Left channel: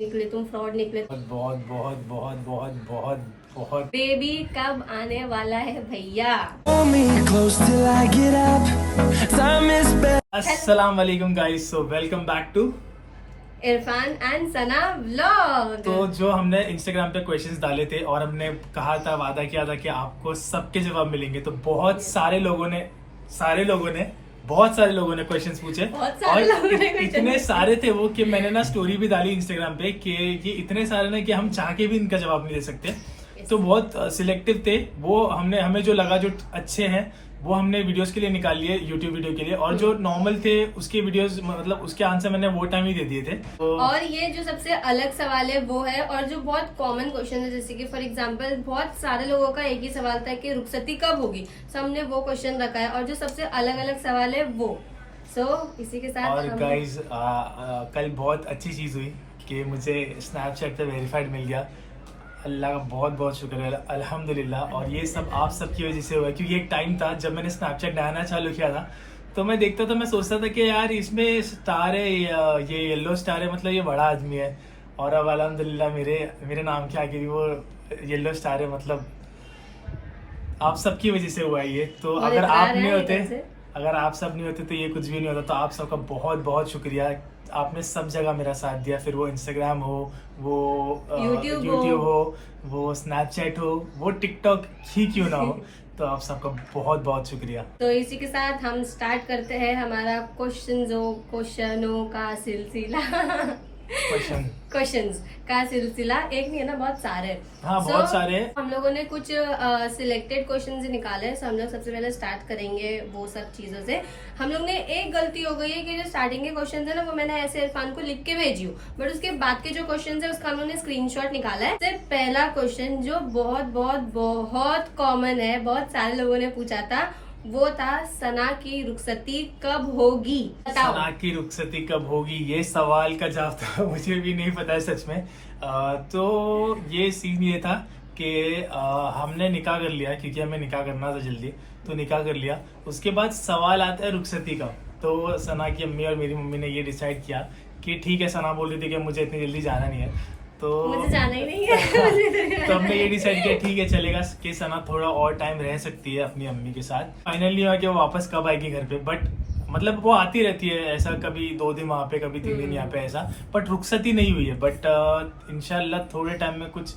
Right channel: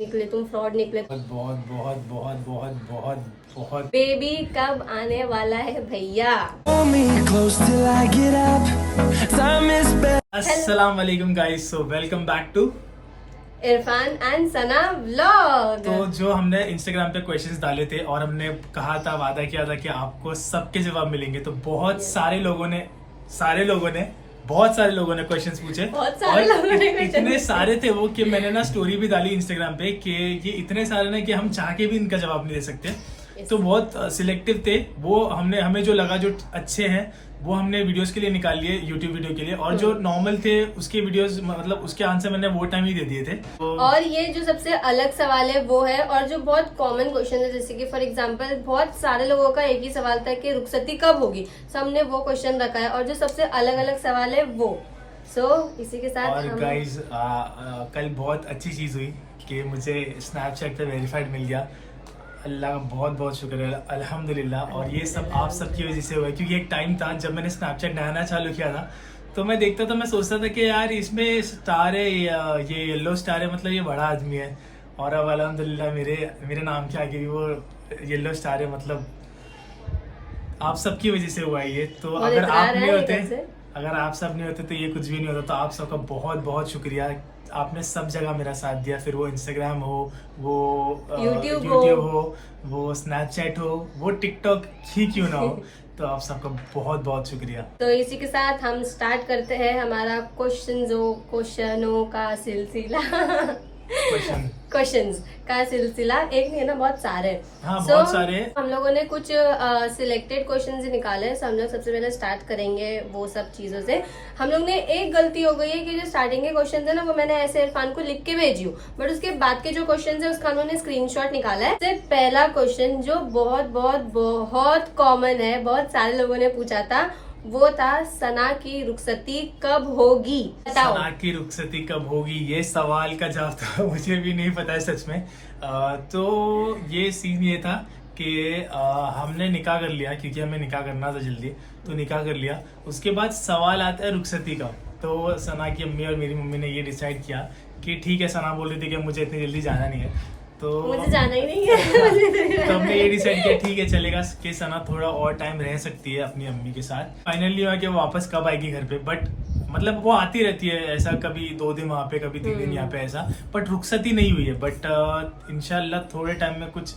निकले तुम फ्रॉड निकले। बहुत बहुत बहुत बहुत बहुत बहुत बेबी कब आने वाला है भैया? अस्सलाम वालेकुम guys, so welcome back to. Irfan and Sana vlog. तो जो हमने इंस्टाग्राम पे क्वेश्चंस डाले थे और हमने कहा था, वादा किया था कि आपको सबके जवाब मिलेंगे, तो बहुत सारे लोगों ने क्वेश्चंस पूछे। बहुत सारे लोगों ने questions इतने सारे थे वो कि मैंने ना स्टोरी भी डाली इंस्टाग्राम पे कि ये इतने सारे ना कि हम चाह के भी इनका जवाब नहीं दे सकते। तो बहुत सिलेक्टिव थे वो, हमें जो लगा जो अच्छे हैं वो हमने वीडियोस के लिए निकाल लिए, यूट्यूब वीडियो के लिए, और जो नॉर्मल थे उसके वीडियोस मतलब उसके आंसर मैंने वो टाइम ही दे दिए थे। तो और ये जो सबसे अलग सवाल है वो है, और जो बहुत कॉमन क्वेश्चन है, जैसे कि फॉर एग्जांपल बहुत सारे लोगों का एक ही सवाल था कि रुखसती कब होगी, तो हमने वो क्वेश्चन रखा है। और जो सबसे अलग अलग सवाल है वो इसी के साथ और गाइज कल बहुत अच्छी चीज हुई कि मुझे स्नैपचैट पे वेरीफाइड मिल गया। अल्लाह का बहुत बहुत शुक्र है, अल्हम्दुलिल्लाह। और ये सब आप सबकी वजह से हुआ है, क्योंकि एक टाइम था जब मैंने स्नैपचैट नया चालू किया था, तो मैं देखता था, मैं सोचता था कि यार इसमें स्टार है, ये येलो स्टार है, मतलब ये बड़ा आदमी है। और अब अल्हम्दुलिल्लाह मेरे नाम के आगे भी वो येलो स्टार है। मतलब आप सबकी वजह से हुआ है ये। तो अगर आप नहीं होते, अगर आप सब नहीं होते तो ये कुछ भी नहीं होता। तो आप सबका बहुत बहुत शुक्रिया, आपने सब जगह मेरा साथ दिया, फिर वो इंस्टाग्राम हो, वो यूट्यूब हो, वो स्नैपचैट हो, वो टिकटॉक ही क्यों ना हो। तो आप सबका बहुत बहुत शुक्रिया। तो इसी के साथ हम स्टार्ट करते हैं हमारा क्वेश्चनों का सिलसिला। क्वेश्चंस का सिलसिला एक नहीं है ना, बहुत सारे। हाँ, बहुत सारे। हम लोगों ने कुछ सिलेक्टेड क्वेश्चंस निकाले हैं, हम लोग सबसे पहले स्टार्ट करेंगे वो सब चीजों से। हम लोग ने एक गलती हो गई है कि जो स्टार्टिंग के क्वेश्चंस है ना, वो मैंने ऐसे इरफान को लिख के भेजी हूँ, बट उसके बाद के जो क्वेश्चंस है उसका उन्होंने स्क्रीनशॉट निकाला है। सबसे पहला क्वेश्चन जो बहुत बहुत बहुत कॉमन है, बहुत सारे लोगों ने पूछा था, वो था सना की रुखसती कब होगी? बताओ। सना की रुखसती कब होगी, ये सवाल का जवाब तो मुझे भी नहीं पता है सच में। तो ये सीन ये था कि हमने निकाह कर लिया, क्योंकि हमें निकाह करना था जल्दी, तो निकाह कर लिया। उसके बाद सवाल आता है रुखसती का। तो सना की अम्मी और मेरी मम्मी ने ये डिसाइड किया कि ठीक है, सना बोल रही थी कि मुझे इतनी जल्दी जाना नहीं है, तो मुझे जाना ही नहीं है। तो हमने ये डिसाइड किया ठीक है चलेगा कि सना थोड़ा और टाइम रह सकती है अपनी अम्मी के साथ। फाइनली हुआ कि वो वापस कब आएगी घर पे, बट मतलब वो आती रहती है ऐसा, कभी 2 दिन वहाँ पे, कभी 3 दिन यहाँ पे ऐसा, बट रुखसती नहीं हुई है। बट इंशाल्लाह थोड़े टाइम में, कुछ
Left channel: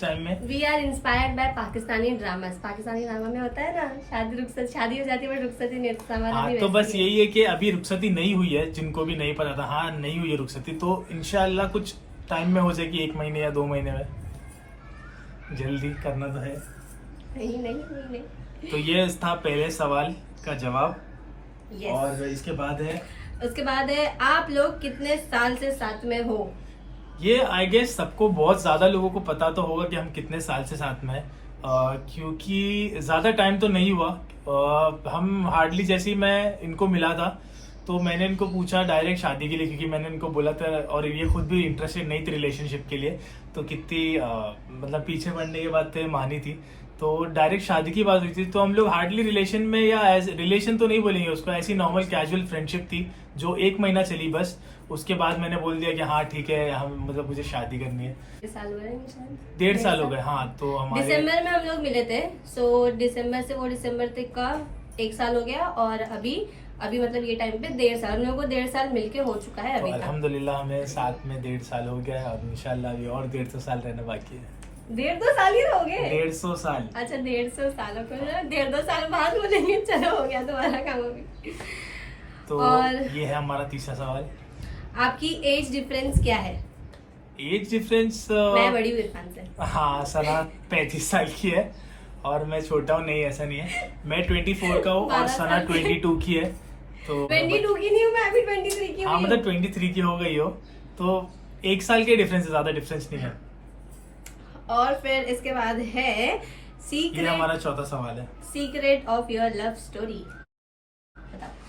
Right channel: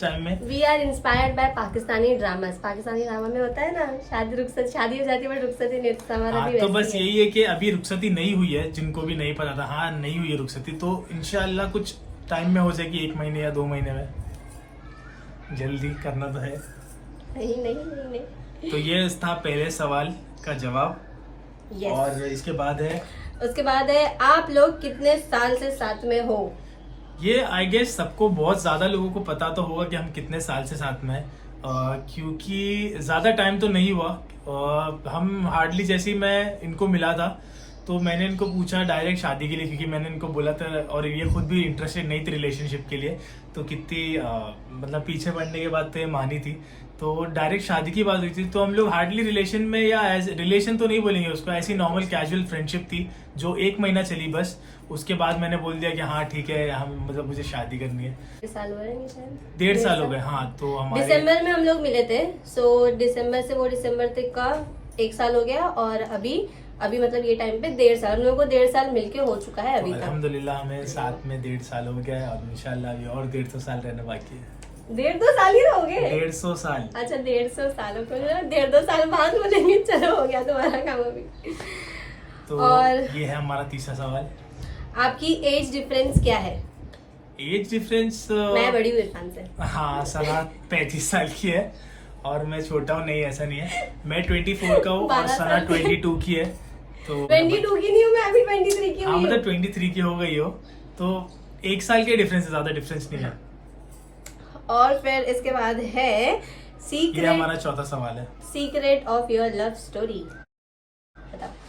टाइम में। We are inspired by Pakistani drama. Pakistani drama में होता है ना, शादी हो जाती है बट रुखसती नहीं होती। हमारा भी तो बस वैसे ही यही है कि अभी रुखसती नहीं हुई है, जिनको भी नहीं पता था, हाँ नहीं हुई है रुखसती, तो इंशाल्लाह कुछ टाइम में हो जाएगी, 1 महीने या 2 महीने में। जल्दी करना तो है। नहीं। तो ये था पहले सवाल का जवाब। Yes. और इसके बाद है आप लोग कितने साल से साथ में हो? ये आई गेस सबको, बहुत ज्यादा लोगों को पता तो होगा कि हम कितने साल से साथ में हैं, क्योंकि ज्यादा टाइम तो नहीं हुआ। हम हार्डली, जैसे ही मैं इनको मिला था तो मैंने इनको पूछा डायरेक्ट शादी के लिए, क्योंकि मैंने इनको बोला था, और ये खुद भी इंटरेस्टेड नहीं थी रिलेशनशिप के लिए, तो कितनी मतलब पीछे पड़ने के बाद तो ये मानी थी, तो डायरेक्ट शादी की बात हुई थी। तो हम लोग हार्डली रिलेशन में, या एज रिलेशन तो नहीं बोलेंगे उसको, ऐसी नॉर्मल कैजुअल फ्रेंडशिप थी जो 1 महीना चली बस। उसके बाद मैंने बोल दिया कि हाँ ठीक है, हम मतलब मुझे शादी करनी है। 1.5 साल हो गए शायद, 1.5 साल हो गए। हाँ, तो हमारे दिसंबर में हम लोग मिले थे, दिसंबर से वो दिसंबर तक का 1 साल हो गया, और अभी मतलब ये टाइम पे 1.5 साल, हम लोगों को 1.5 साल मिलके हो चुका है अभी। अल्हम्दुलिल्लाह हमें साथ में 1.5 साल हो गया है, और इंशाल्लाह अभी और 150 साल रहना बाकी है। 1.5-2 साल ही रहोगे? 150 साल। अच्छा, 150 साल को 1.5-2 साल बाद बोलेंगे, चलो हो गया तुम्हारा काम अभी। तो और ये है हमारा तीसरा सवाल। आपकी एज डिफरेंस क्या है? एज डिफरेंस, मैं बड़ी हूँ इरफान से। हाँ, सना 35 साल की है और मैं छोटा हूँ। नहीं, ऐसा नहीं है, मैं 24 का हूँ और सना 22 की है। तो 22 की नहीं हूँ मैं, अभी 23 की हूँ। हाँ, मतलब 23 की हो गई हो, तो 1 साल के डिफरेंस है, ज्यादा डिफरेंस नहीं है। और फिर इसके बाद है ये हमारा चौथा सवाल है, secret of your love story.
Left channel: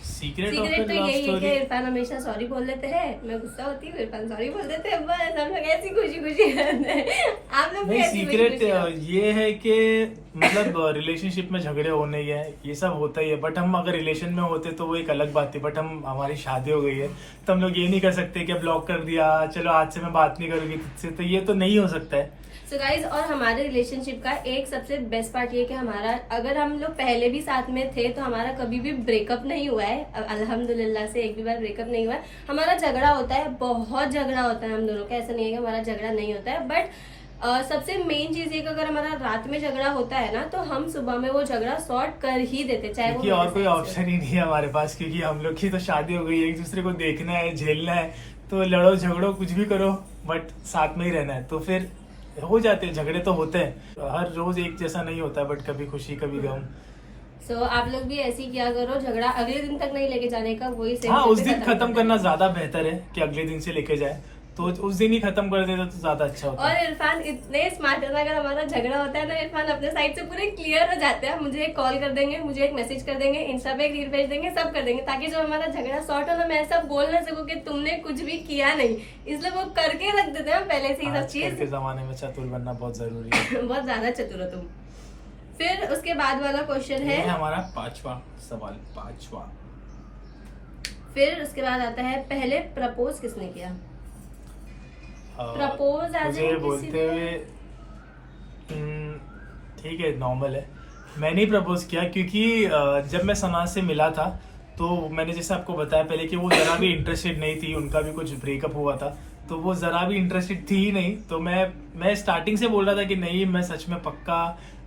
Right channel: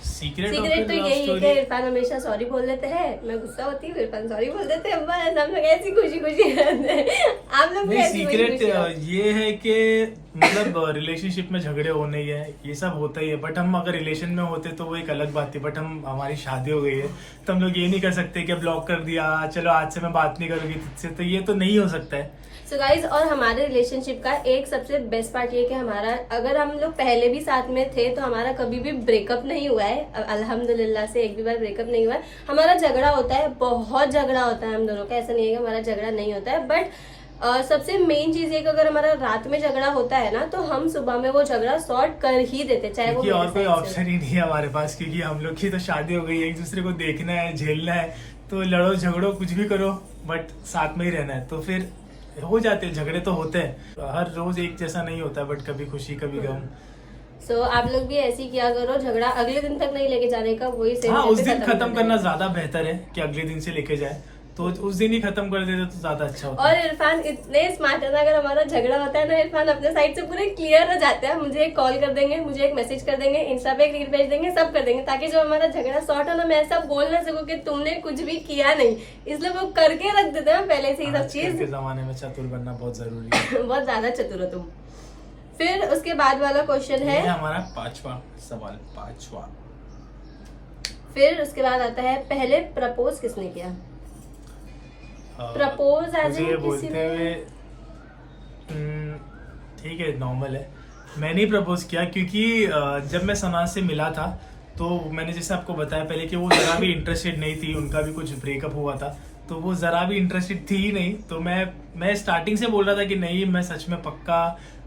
Secret तो ऑफ योर लव यही है स्टोरी। कि इरफान हमेशा सॉरी बोल देते हैं, मैं गुस्सा होती हूँ, इरफान सॉरी बोल देते हैं, बस हम लोग ऐसी खुशी रहते हैं। आप लोग नहीं, सीक्रेट ये है कि मतलब रिलेशनशिप में झगड़े होने ही है, ये सब होता ही है। बट हम अगर रिलेशन में होते तो वो एक अलग बात थी। बट हमारी शादी हो गई है तो हम लोग ये नहीं कर सकते कि ब्लॉक कर दिया, चलो आज से मैं बात नहीं करूंगी तुझसे, तो ये तो नहीं हो सकता है। सो गाइज, और हमारे रिलेशनशिप का एक सबसे बेस्ट पार्ट ये कि हमारा, अगर हम लोग पहले भी साथ में थे तो हमारा कभी भी ब्रेकअप नहीं हुआ है। अल्हम्दुलिल्लाह से एक भी बार ब्रेकअप नहीं हुआ है। हमारा झगड़ा होता है, बहुत झगड़ा होता है हम दोनों का, ऐसा नहीं है कि हमारा झगड़ा नहीं होता है। बट सबसे मेन चीज है कि अगर हमारा रात में झगड़ा होता है ना, तो हम सुबह में वो झगड़ा सॉर्ट कर ही देते, चाहे वो क्योंकि और कोई ऑप्शन ही नहीं है हमारे पास, क्योंकि हम लोग की तो शादी हो गई है, एक दूसरे को देखना है, झेलना है, तो लड़ो झगड़ो कुछ भी करो बट साथ में ही रहना है। तो फिर हो जाते हैं झगड़े, तो होते हैं, हर रोज एक जैसा नहीं होता है, बट कभी खुशी कभी गम। सो आप लोग भी ऐसे ही किया करो, झगड़ा अगले दिन तक नहीं लेके जाने का, वही सही। हाँ, उस दिन खत्म करना ज्यादा बेहतर है कि अगले दिन से लेके जाए, तो उस दिन ही खत्म कर देते तो ज्यादा अच्छा होता है। और इरफान इतने स्मार्ट है ना, अगर हमारा झगड़ा होता है ना, इरफान अपने साइड से पूरे क्लियर हो जाते हैं। मुझे एक कॉल कर देंगे, मुझे एक मैसेज कर देंगे, इंस्टा पे एक रील भेज देंगे, सब कर देंगे, ताकि जब हमारा झगड़ा सॉर्ट हो ना, मैं ऐसा बोल ना सकूं कि तुमने कुछ भी किया नहीं, इसलिए वो करके रख देते हैं पहले से ही सब चीज। के जमाने में चतुर बनना बहुत जरूरी है। बहुत ज्यादा चतुर हो तुम। फिर उसके बाद वाला क्वेश्चन है हमारा 5वां सवाल, 5वां। फिर उसके बाद आता है, पहले प्रपोज किसने किया? प्रपोज मुझे बोलते हुए ठीक है, नॉर्मल है, मैंने ही प्रपोज किया। क्योंकि जब मैं सना से मिला था तो मैंने जैसे आपको बताया पहले कि वो जरा भी इंटरेस्टेड नहीं थी, उनका भी कुछ ब्रेकअप हुआ था, तो वो जरा भी इंटरेस्टेड थी ही नहीं। तो मैं स्टार्टिंग से बोल रहा था कि नहीं, मैं सच में पक्का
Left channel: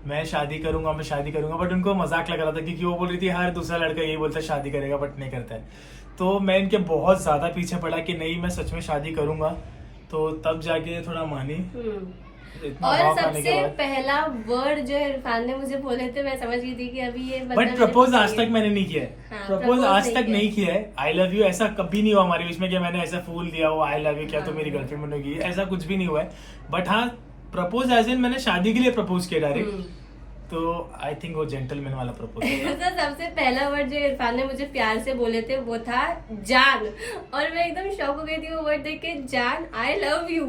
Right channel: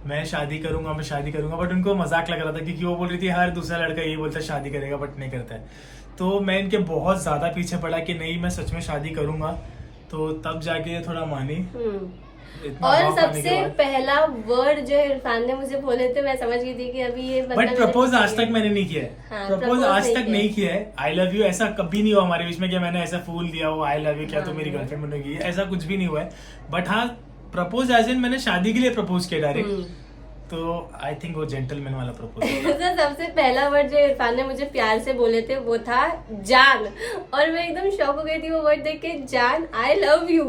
मैं शादी करूंगा, मैं शादी करूंगा। बट उनको मजाक लग रहा था, क्योंकि वो बोल रही थी हर दूसरा लड़का यही बोलता है शादी करेगा बट नहीं करता है। तो मैं इनके बहुत ज्यादा पीछे पड़ा कि नहीं, मैं सच में शादी करूंगा, तो तब जाके थोड़ा मानी। इतना और सबसे पहला वर्ड जो इरफान ने मुझे बोले थे, मैं समझ गई थी कि अभी ये बट प्रपोज आज तक मैंने नहीं किया है। हाँ, प्रपोज आज तक नहीं किया है। आई लव यू ऐसा कभी नहीं हुआ हमारे बीच में कि मैंने ऐसा फूल दिया वो आई लव यू क्या तो मेरी गर्लफ्रेंड बनेगी, ऐसा कुछ भी नहीं हुआ है। बट हाँ, प्रपोज एज इन मैंने शादी के लिए प्रपोज किया डायरेक्ट, तो आई थिंक वो जेंटलमैन वाला प्रपोजल तो सबसे पहला वर्ड जो इरफान ने मुझे प्यार से बोले थे वो था जान, और मैं एकदम शॉक हो गई थी वो वर्ड देख के, जान आई लव यू।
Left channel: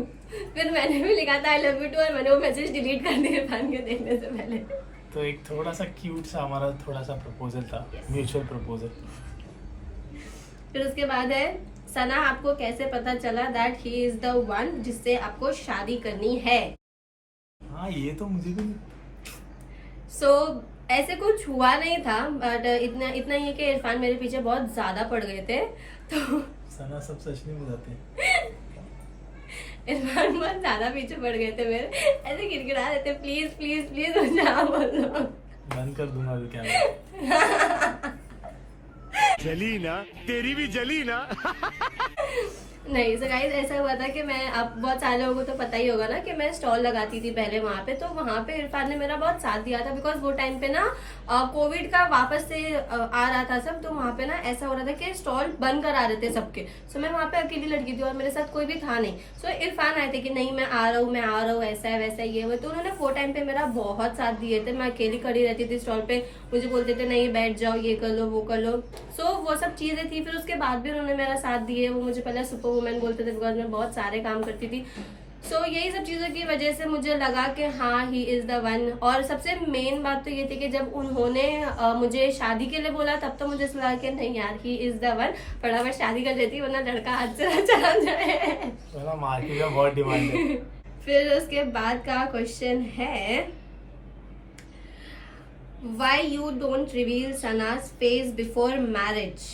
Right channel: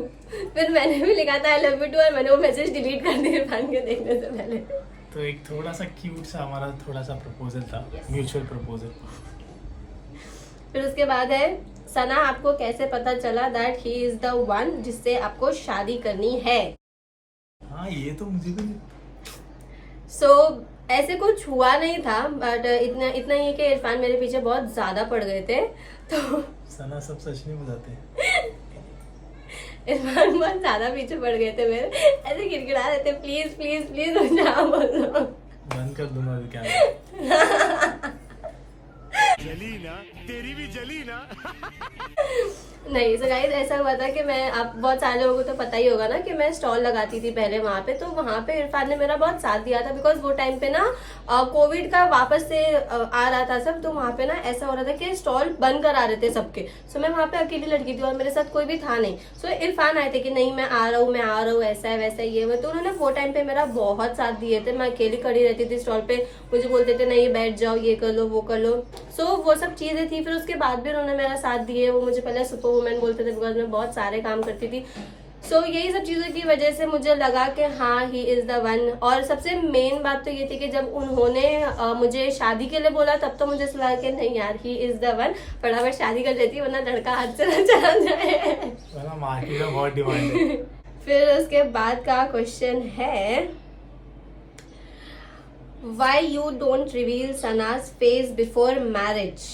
फिर मैंने भी लिखा था आई लव यू टू, और मैंने वो मैसेज डिलीट कर दिया इरफान को देखने से पहले। तो एक थोड़ा सा क्यूट सा हमारा थोड़ा सा प्रपोजल था, म्यूचुअल प्रपोजल। फिर उसके बाद है, सना आपको कैसे पता चला that he is the one जिससे आपको शादी करनी है? हाँ, ये तो मुझे भी ऐसे कुछ हुआ नहीं था, बट इतना ही कि इरफान मेरे पीछे बहुत ज्यादा पड़ गए थे। तो सना सब सच नहीं बताते। इरफान बहुत ज्यादा पीछे पड़ गए थे मेरे, ऐसे गिड़गिड़ा रहे थे, प्लीज प्लीज प्लीज मुझे बोलो। बंद कर दूंगा अभी क्या। जली ना, तेरी भी जली ना। नहीं, सो गाइस ऐसा हुआ था कि मैं, आप बहुत सारे लोगों को तो पता ही होगा ना कि मैं स्टॉल लगाती थी पहले वहां पे, तो वहां पे इरफान ने मेरा बहुत साथ दिया था। बिकॉज वो टाइम पे ना कोविड का वापस से आ रहा था सब, तो वहां पे ना ऐसा हो रहा था कि स्टॉल बंद करा रहे थे सबके। सो मैं वहां पे अकेली लड़की थी और मेरे साथ कोई भी था नहीं। सो इरफान आए थे कि नहीं मैं आ रहा हूँ, ऐसा है वैसा है ये है, तो उन्होंने वो टाइम पे मेरा बहुत साथ दिए थे। मैं अकेली खड़ी रहती थी स्टॉल पे, मुझे बोलते थे नहीं बैठ जाओ, ये कर लो वो कर लो। सो वो सब चीजें थी। फिर उसके बाद भी उन्होंने मेरा साथ दिए। वो मुझे पहले सुपर वुमेन बोलते थे बिकॉज मैं बहुत सारे काम करती थी। यही सब चीजों की वजह से मुझे लगा कि हाँ ही इज द वन। और सबसे मेन बात तो ये थी कि जब उन्होंने मुझे शादी के लिए बोला, तब तो मुझे लगा कि नहीं यार ही इज द वन, फटाफट शादी कर लेती वरना लड़का हाथ से ना चला जाए, वरना मार्केट में बहुत डिमांड है। फिर उसके बाद का क्वेश्चन है, why you don't reveal Sana's face before marriage?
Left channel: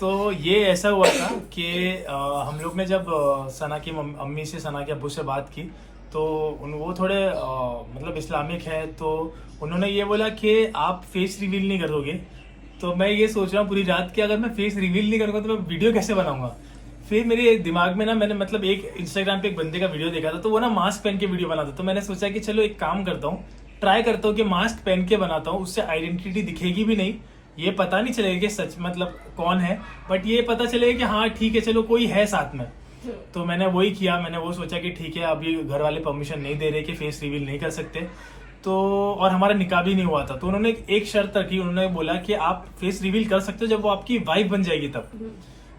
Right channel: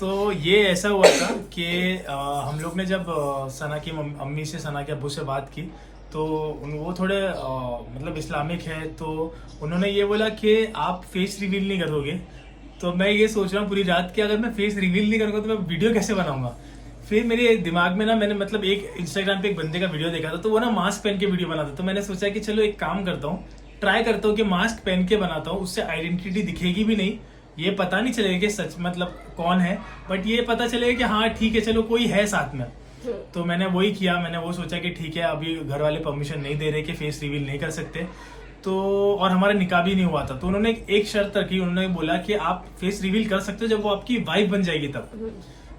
तो ये ऐसा हुआ था कि हम लोग ने जब सना की अम्मी से, सना के अब्बू से बात की, तो वो थोड़े मतलब इस्लामिक है, तो उन्होंने ये बोला कि आप फेस रिवील नहीं करोगे। तो मैं ये सोच रहा हूँ पूरी रात कि अगर मैं फेस रिवील नहीं करूँगा तो मैं वीडियो कैसे बनाऊंगा। फिर मेरे दिमाग में ना, मैंने मतलब एक इंस्टाग्राम पे एक बंदे का वीडियो देखा था, तो वो ना मास्क पहन के वीडियो बनाता। तो मैंने सोचा कि चलो एक काम करता हूँ, ट्राई करता हूँ कि मास्क पहन के बनाता हूँ, उससे आइडेंटिटी दिखेगी भी नहीं, ये पता नहीं चलेगा कि सच मतलब कौन है, बट ये पता चलेगा कि हाँ ठीक है चलो कोई है साथ में। तो मैंने वही किया। मैंने वो सोचा कि ठीक है अभी घर वाले परमिशन नहीं दे रहे कि फेस रिवील नहीं कर सकते, तो और हमारा निकाह भी नहीं हुआ था, तो उन्होंने एक शर्त रखी। उन्होंने बोला कि आप फेस रिवील कर सकते हो जब वो आपकी वाइफ बन जाएगी तब।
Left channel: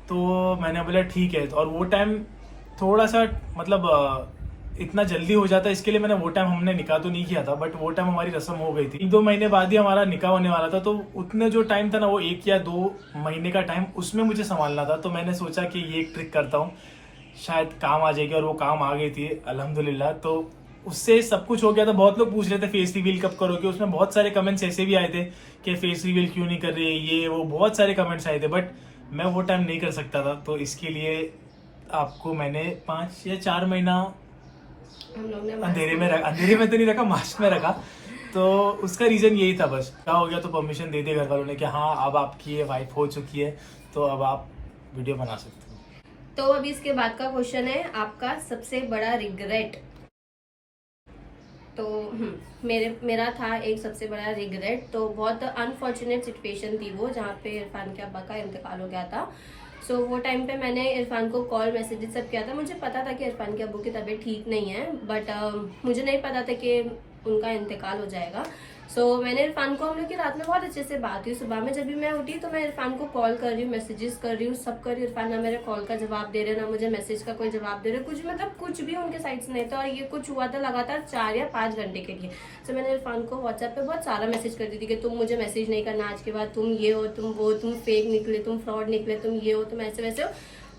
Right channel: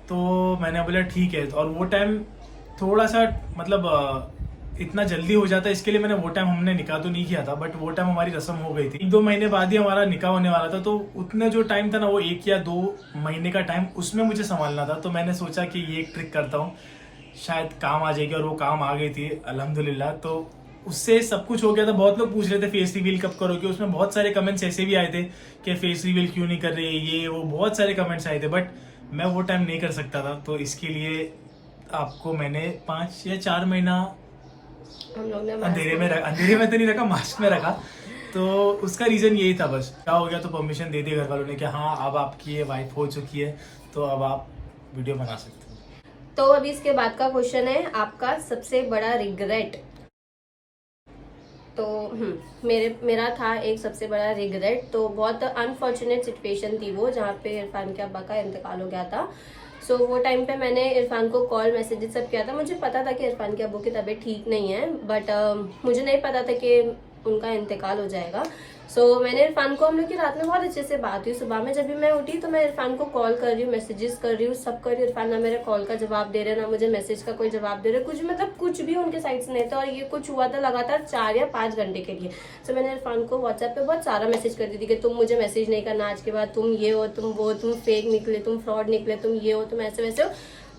तो मैंने बोला ठीक है। और वो टाइम थोड़ा सा मतलब इतना जल्दी हो जाता, इसके लिए मैंने वो टाइम, हमने निकाह तो नहीं किया था बट वो टाइम हमारी रस्म हो गई थी। 1-2 महीने बाद ही हमारा निकाह होने वाला था, तो उतना जो टाइम था ना, वो 1 या 2 महीने का टाइम उसमें मुझे संभालना था। तो मैंने सोचा कि ये एक ट्रिक करता हूँ, शायद काम आ जाएगी, और वो काम आ गई थी अल्हम्दुलिल्लाह। तो उससे सब कुछ हो गया था। बहुत लोग पूछ रहे थे फेस रिवील कब करोगे, उसमें बहुत सारे कमेंट्स ऐसे भी आए थे कि फेस रिवील क्यों नहीं कर रही है, ये वो बहुत सारे कमेंट्स आए थे, बट मैं वो टाइम नहीं कर सकता था। तो इसके लिए आपको मैंने 5 या 4 महीना हम लोग ने अंधेरे में तो नहीं रखा, मास्क में रखा। तो उसका रीजन यही था, बस क्या हो गया तो परमिशन दे दी घर वालों ने कि हाँ अब आपकी ये वाइफ हो चुकी है, तो अब आप वीडियो बना सकते हो। तो अभी इसके बाद का क्वेश्चन है, आपका सबसे बड़ा रिग्रेट। तो मेरा था एक सबसे बड़ा रिग्रेट। तो बहुत अनफॉर्चुनेट सिचुएशन थी वो, जहाँ पे इरफान के अब्बा का इंतकाल हो गया था। सो वो टाइम पे मैंने इरफान को कॉल मैसेजेस सब किया था। मुझे पता था कि इरफान के अब्बू की तबीयत ठीक नहीं है, बट मुझे नहीं पता था कि उनका इंतकाल हो जाएगा। सो मैंने इरफान को, हम लोग की रात में बहुत अच्छे से बात हुई। सुबह में जब भी मैं उठी तो मैं इरफान को कॉल कर रही हूँ, मैसेजेस कर रही हूँ, सब कर रही हूँ। इरफान ना मेरे कॉल का जवाब दे रहे, ना मुझे मैसेज का कोई जवाब दे रहे, कुछ मतलब कुछ भी उनके साइड से नहीं था। और ये कुछ हुआ था लगातार 4 या 5 घंटे के लिए। सो मैंने इरफान को व्हाट्सएप पे बहुत सारा मैसेज कर दी थी कि तुम मुझे मैसेज नहीं करना आज के बाद, तुम ये हो, तुम वो, तुम फेक निकले, तुम फ्रॉड निकले, तुम ये हो, तुम ऐसे वैसे हो।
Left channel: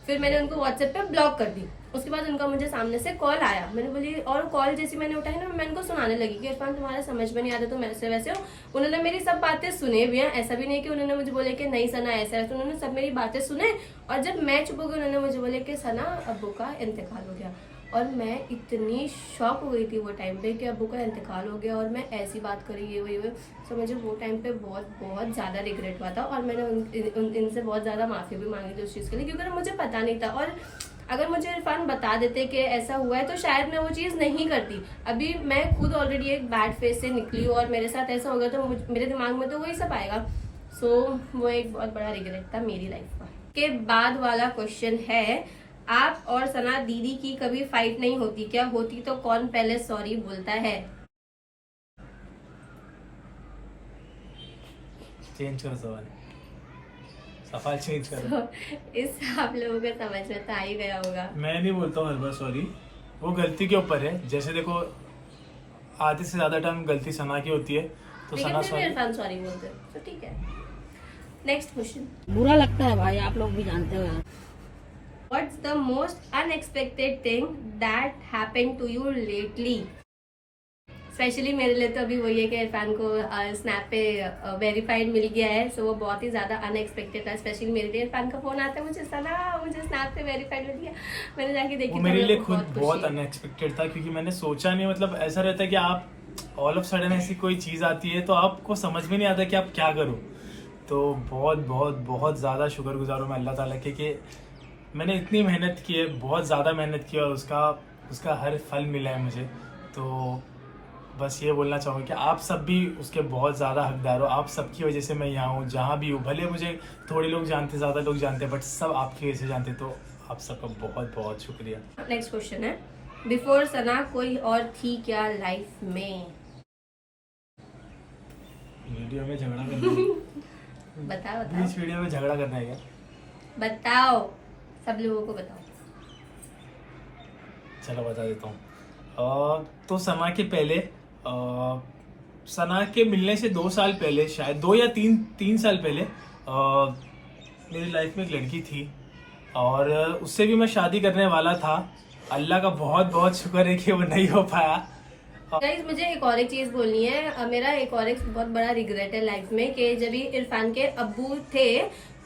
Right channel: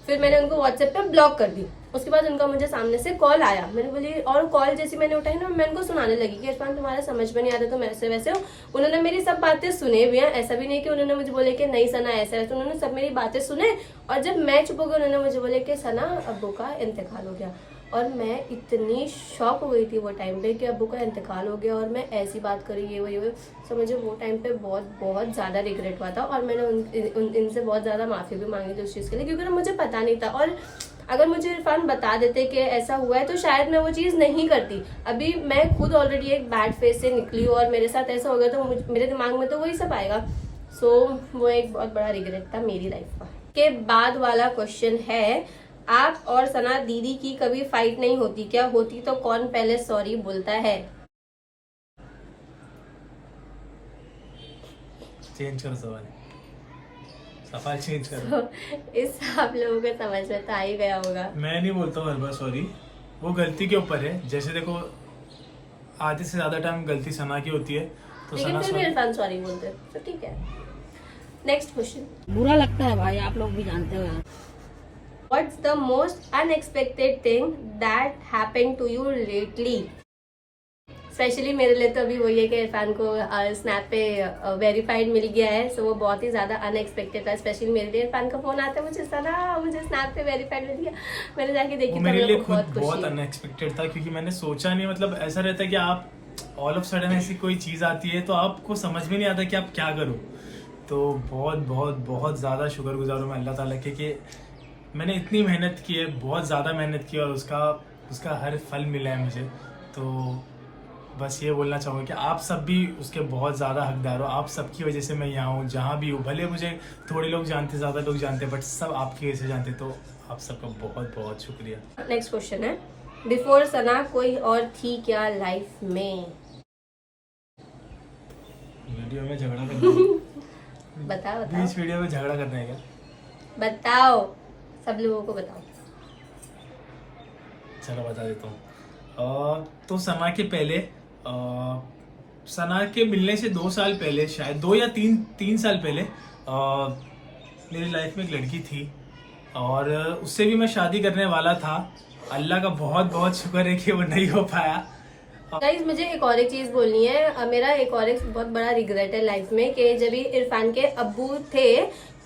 फिर मैंने उनको व्हाट्सएप पे ब्लॉक कर दी। उसके बाद उनका मुझे सामने से कॉल आया, मैंने बोली, और कॉल जैसी मैंने उठाई ना, मैं उनको सुनाने लगी कि इरफान तुम्हारे समझ में नहीं आता, तुम ऐसे वैसे हो। उन्होंने मेरी सब बातें सुने भी हैं, ऐसा भी नहीं कि उन्होंने मुझे बोले कि नहीं सना ऐसा वैसा, उन्होंने सब मेरी बातें सुने। और जब मैं चुप हो गई, उन्होंने मुझे बोले कि सना अब्बू का इंतकाल हो गया। और मैं इतनी शॉक हो गई थी वो टाइम पे कि अब्बू का इंतकाल हो गया और मैं ऐसी बात करी, ये वो। सो मुझे वो टाइम पे बहुत बहुत ज़्यादा रिग्रेट हुआ था। और मैंने इनसे बहुत ज़्यादा माफ़ी भी मांगी थी उस चीज़ के लिए, क्योंकि मुझे पता नहीं था। और अगर मुझे इरफान बता देते कि ऐसा हुआ है तो शायद मैं वो चीज़ नहीं करती। अभी मैं खुद ऑलरेडी एक बैड फेस से निकली हूँ और मेरे साथ ऐसा हो गया, तो मेरे दिमाग में तो वही सब आएगा। सो वो एक बहुत बड़ा रिग्रेट था मेरी लाइफ का। के बाद वाला क्वेश्चन है, आप और सना दीदी की कभी फाइट नहीं होती क्या? होती तो कौन पहले सॉरी बोलता है? चेंज करो सवाल चेंज करो। इस आप लोगों को समझ में तो आ ही गया होगा। मैं नहीं बोलता हूँ हर बार सॉरी, वो गलती के ऊपर है। जैसे देखो आधे से ज्यादा टाइम गलती सना की होती है, तो सना सॉरी बोलते हो तो ठीक है। Next question. बुरा लगता है भाई, आप लोग भी जानते हो। What's the most unexpected thing that happened to you lately? Specially मेरे लिए तो अभी वही है कि इरफान को स्नैप पे वेरीफाइड मिल गया है। सो वो बहुत ही ज़्यादा अनएक्सपेक्टेड था। स्पेशली मेरे लिए इरफान का फोन आता है, मुझे स्नैप पे वेरीफाइड मिल गया। मैंने जाके देखी, वो मेरे लिए खुद बहुत अनएक्सपेक्टेड था, क्योंकि मैंने सोचा नहीं। मतलब ऐसा रहता है कि आप ऑल ऑफ सडन ऐसी कोई चीज़ आती है तो आपको समझ में नहीं आता कि आप क्या करो। तो बहुत बहुत बहुत ज़्यादा शुक्रगुजार हूँ मैं अल्लाह ताला के कि मैंने इतनी मेहनत की है, बहुत ज़्यादा मेहनत की, और उसका हर फल मिला है मुझे। तो बस ये बोलना चाहूँगा कि आप सब भी उसके बहुत ज़्यादा हकदार हो। आप सबकी वजह से मैं यहाँ हूँ, जहाँ भी हूँ। भले मुझे थोड़े लोग जानते, ज़्यादा लोग जानते, बट सब आपकी वजह से जानते। तो आप सबका बहुत बहुत शुक्रिया। नेक्स्ट क्वेश्चन है, बिफोर सना कोई और थी क्या लाइफ में? वीडियो में झगड़ा करना है? बताओ बीच वीडियो में झगड़ा करना है क्या? बताओ, सब लोगों को बताओ। चलो बता देता हूँ। तो सना के पहले, सना के मिलने से 2 साल पहले, शायद 2 या 3 साल पहले, मेरी लाइफ में एक लड़की थी और उससे भी मैं शादी करने वाला था। अल्लाह का बहुत बहुत शुक्र है कि वो नहीं हो पाया। गाइस मुझे एक और एक चीज बोलनी है। मेरा एक और एक बहुत बड़ा रिग्रेट है लाइफ में कि जब भी इरफान के अब्बू थे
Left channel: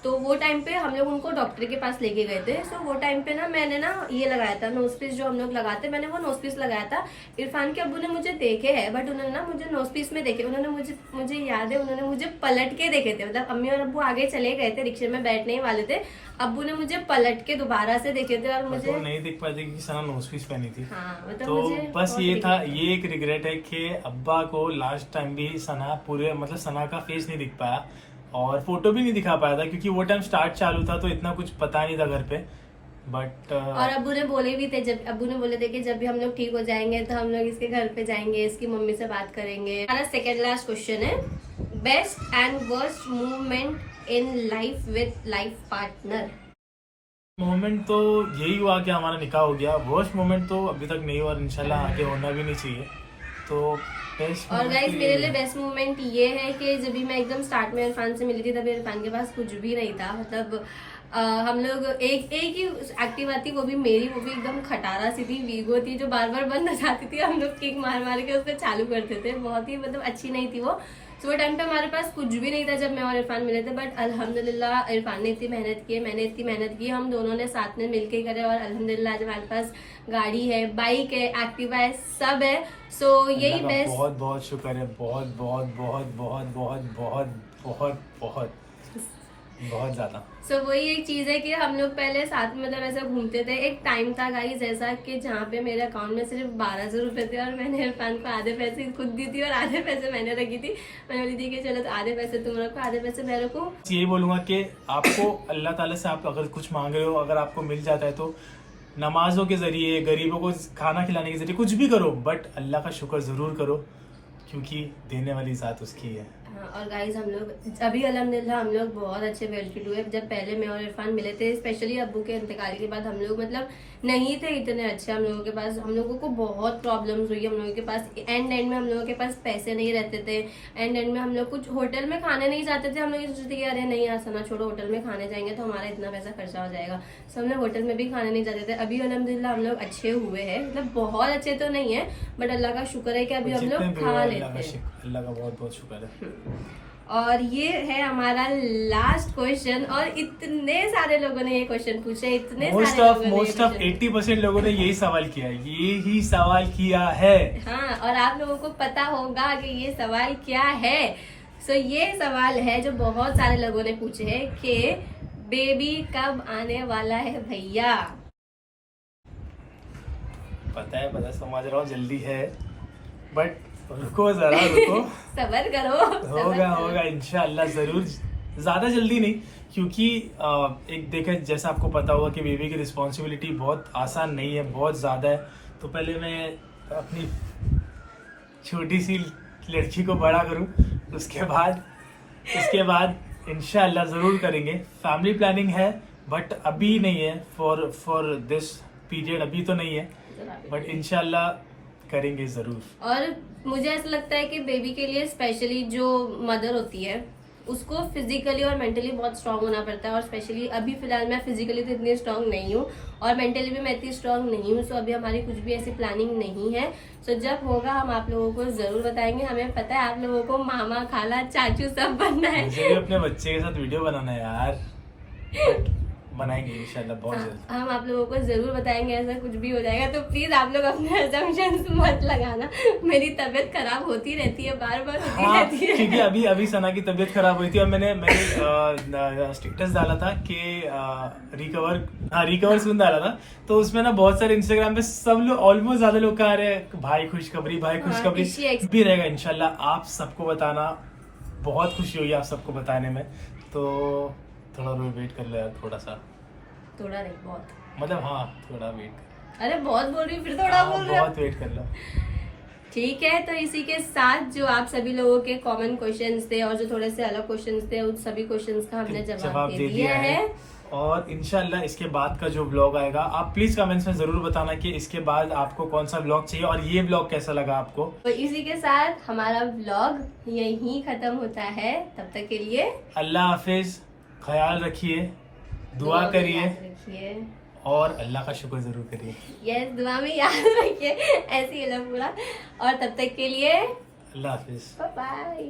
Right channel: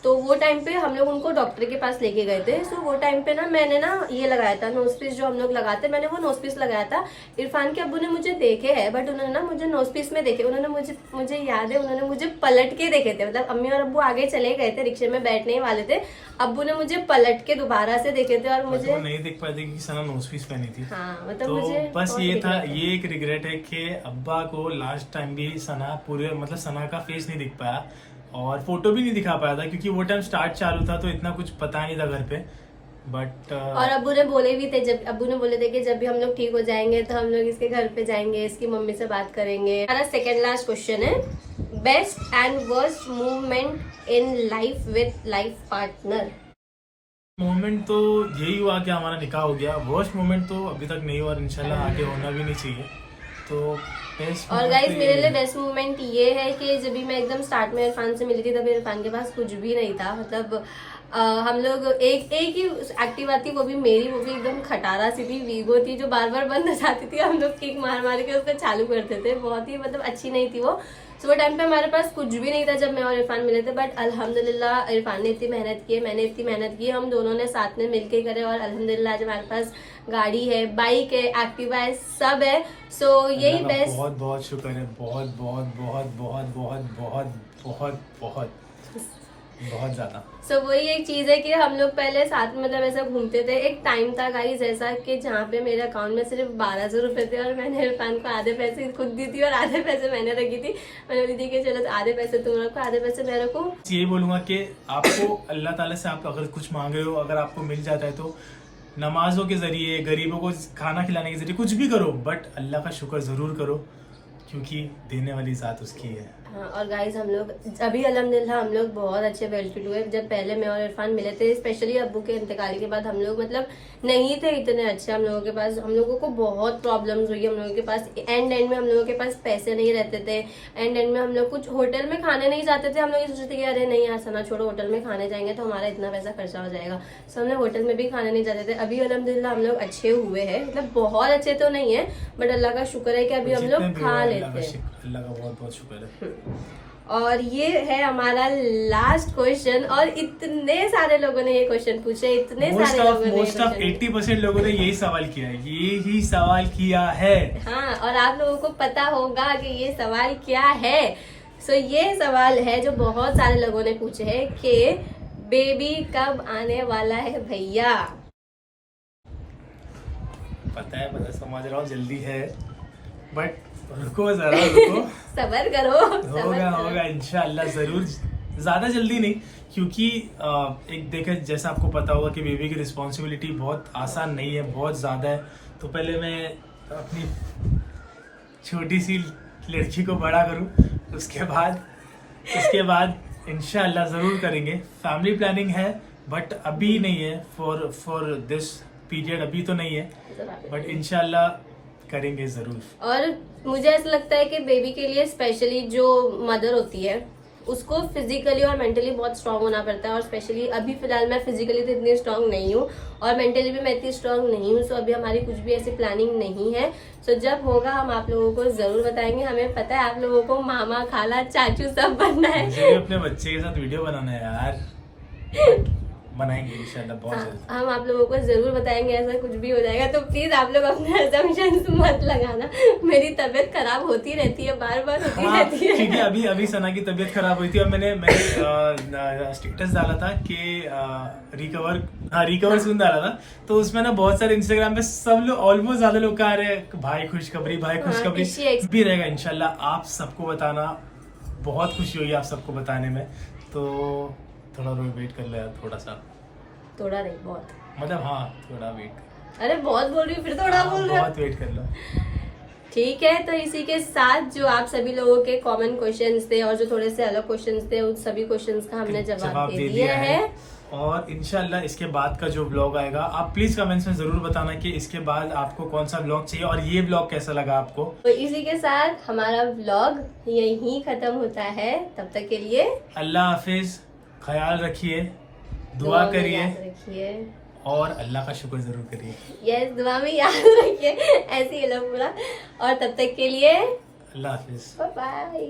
तो वो टाइम पे हम लोग उनको डॉक्टर के पास लेके गए थे। सो वो टाइम पे ना मैंने ना ये लगाया था नोजपीस, जो हम लोग लगाते, मैंने वो नोजपीस लगाया था। इरफान के अब्बू ने मुझे देखे है, बट उन्होंने ना मुझे नोजपीस में देखे। उन्होंने मुझे याद है, उन्होंने मुझे पलट के देखे थे। मतलब अम्मी और अब्बू आगे चले गए थे, रिक्शे में बैठने ही वाले थे, अब्बू ने मुझे पलट के दोबारा से देखे थे और मुझे नहीं देख पाए थे कि सना नोजपीस पहनी थी। हाँ, मतलब तो मुझे बस ये था, ये एक रिग्रेट है कि अब्बा को लास्ट टाइम भी सना पूरे, मतलब सना का फेस नहीं दिख पाया और फोटो भी नहीं दिखा पाया था, क्योंकि वो टाइम स्टार्ट चालू था तो इतना कुछ पता नहीं था घर पे। बट और अब्बू ने बोले भी थे, जब अब्बू ने बोले थे कि जब भी हम लोग ठीक हो जाएंगे तो हम लोग इसके घर पे जाएंगे, इसकी मम्मी से बात करेंगे। हमारा सेकेंड लास्ट क्वेश्चन है, best and worst movement in life with life partner. Moment तो यही हुआ कि हमारा निकाह हो गया। वर्स्ट मोमेंट तो अभी तक नहीं हुआ और इंशाल्लाह आगे होना भी नहीं चाहिए। तो बेस्ट और गाइस मेरे लिए बेस्ट मोमेंट ये है कि जब भी मैं एकदम स्टार्ट में इरफान से मिली थी तब इरफान के पास कुछ भी नहीं था। मतलब हम लोग एक ही एक्टिवा थी, वो भी मेरी, वो भी एकदम खटारा सी थी, वीगो थी, जो बार बार बंद हो जाती थी। हम लोग किक मार मार के उसको चालू करते थे। बहुत ही मतलब अच्छी नहीं थी वो। तो वो टाइम पे हमारे पास कुछ भी नहीं था जब मैं और इरफान मिले थे। बट अल्हम्दुलिल्लाह इरफान ने इतनी मेहनत की है, मैंने इतनी मेहनत की, हम दोनों ने साथ में मिलके ही करे। और अल्हम्दुलिल्लाह आज हमारे पास गाड़ी है, बाइक है, एक्टिवा है, सब है। सो यही अल्लाह का बेस्ट। बहुत बहुत शुक्र है, बहुत बहुत बहुत बहुत बहुत बहुत बहुत बहुत बहुत ज्यादा। सो वही एक चीज है कि हम लोग पहले साथ में मतलब ऐसा घूमते थे। एक टाइम था गाइस ऐसा कि जहाँ पे मेरे अकाउंट में सिर्फ 1200 रुपए थे और मैंने इरफान को आधे पैसे खुद दी थी और आधे पैसे मैंने रखी थी। मैंने बोली थी कि चलो तो आधे पैसे तुम रखो, आधे पैसे मैं रखूं। यही बोलूंगा कि आपको अल्लाह ताला से आप अगर कुछ मांग रहे हो, अगर आपको मिल जाता है तो नमाजों के जरिए, गरीबों को खाना खिलाने के जरिए कुछ भी करो, बट अल्लाह का शुक्र जरूर करो क्योंकि देने वाली जात उसकी है। हाँ, और गाइस हम लोग अभी अल्हम्दुलिल्लाह हम लोग बहुत अच्छे बेनिफिट हुए। जब पहले मैं और इरफान मिले थे, स्पेशली अब्बू के इंतकाल के बाद, हम लोग मतलब नहीं थे इतने अच्छे। हम लोगों के पास, हम लोगों को बहुत प्रॉब्लम्स हुई। हम लोगों के पास एंड में हम लोगों के पास पैसे नहीं रहते थे। एंड में हम लोग कुछ होटल में खाने नहीं जाते थे। हम लोग ये सोचते थे कि अरे नहीं यार सना छोड़ो, होटल में खाने जाएंगे तो हमारा इतना पैसा खर्चा हो जाएगा। सो हम लोग होटल में भी खाने नहीं जाते थे। अभी अल्हम्दुलिल्लाह हम लोग अच्छे हुए हैं, मतलब बहुत अच्छे तो नहीं है बट अल्लाह का शुक्र है कि अभी हम लोग खा लेते हैं। अल्लाह का बहुत बहुत शुक्र है। और ये है हमारा लास्ट क्वेश्चन। और इतने सारे लोगों ने ये क्वेश्चन पूछे, इतने मोस्ट सारे ऑफ लोगों ने मोस्ट ऑफ ये question 80% लोगों ने यही सवाल किया है, यही सवाल किया है। हाँ, और आप लोगों को पता होगा कि ये सवाल क्या है। सो ये सवाल है जो बहुत सारे लोगों ने पूछे है कि बेबी कब आने वाला है भैया। पता समझ रहा हूँ जल्दी है, बट रुको जरा रुको। सबर करो, सबर होगा करो। होगा इंशाल्लाह जरूर। ज्यादा जल्दी नहीं, क्योंकि एक देखे जैसा आपको पता होगा कि बेबी की रिस्पॉन्सिबिलिटी बहुत आसान नहीं है, बहुत ज्यादा है। तो पहले मैं अपनी छोटी सी लड़की को बड़ा करूं, उसके बाद इंशाल्लाह जरूर करेंगे। फैमिली प्लानिंग है बट अभी नहीं है, फॉर दिस पीरियड अभी तो नहीं है, बट इंशाल्लाह करेंगे जरूर। और मुझे ऐसा लगता है कि बेबी के लिए स्पेशली जो मदर होती है उसको फिजिकली और मेंटली बहुत स्ट्रांग होना पड़ता है। और स्पेशली अभी फिलहाल मैं फिजिकली तो इतनी स्ट्रांग नहीं हूँ और मेंटली भी मैं इतनी स्ट्रांग नहीं हूँ। सो अभी हमारी कुछ भी ऐसी प्लानिंग नहीं है। सो जब होगा हम आप लोगों को जरूर बताएंगे। हमें पता है आप लोगों को मामा, खाला, चाचू सब बनना है। मुझे भी अपने बच्चे के साथ वीडियो बनाना है यार, बट बनाएंगे इंशाल्लाह बहुत हाँ, जल्द। हम आप लोगों को जरूर बताएंगे। ऐसा कुछ भी हो जाएगा तो प्लीज आप लोग अपने assumptions मत लगाना। मेरी तबीयत खराब होती रहती है, बार बार होती हाँ, रहती है। क्योंकि अभी सना की तबीयत खराब हुई थी और मैंने स्टेटस डाला था कि रिकवर सून डाला था। तो उसमें ना बहुत सारे इंस्टाग्राम पे सब लोग, ऑलमोस्ट ज्यादा लोग कह रहे हैं भाई खुशखबरी, भाई खुशखबरी। हाँ, भी रहेगा इंशाल्लाह, आप सबको बताना, बहुत खुशी होगी आप सबको बताने में। तो थोड़ा वेट कर लो यार, थोड़ा नहीं, बहुत। मतलब हाँ थोड़ा वेट कर। अरे बहुत बोल रही हूँ, फिर थोड़ा बोल रही हूँ। बहुत वेट कर लो। ठीक है, तो इसी के साथ जो आप सभी लोगों के कॉमन क्वेश्चंस थे और जो थोड़े से अलग क्वेश्चंस थे, उन सभी क्वेश्चंस का हमने जवाब दे दिया है। और इंशाल्लाह इसके बाद का जो व्लॉग आएगा, आप प्लीज कमेंट्स में जरूर बताना कि इसके बाद आपको कौन सा व्लॉग चाहिए और ये व्लॉग कैसा लगा आपको। तो इसी के साथ हमारा व्लॉग यहीं खत्म होता है। तब तक के लिए अल्लाह हाफिज, ख्याल रखिए, दुआ करिए रखिए और अल्लाह का शुक्र जरूर करिए। यस, दुआ में याद रखिए, ऐसे ही पूरा। और तब तक के लिए अल्लाह हाफिज। Bye bye.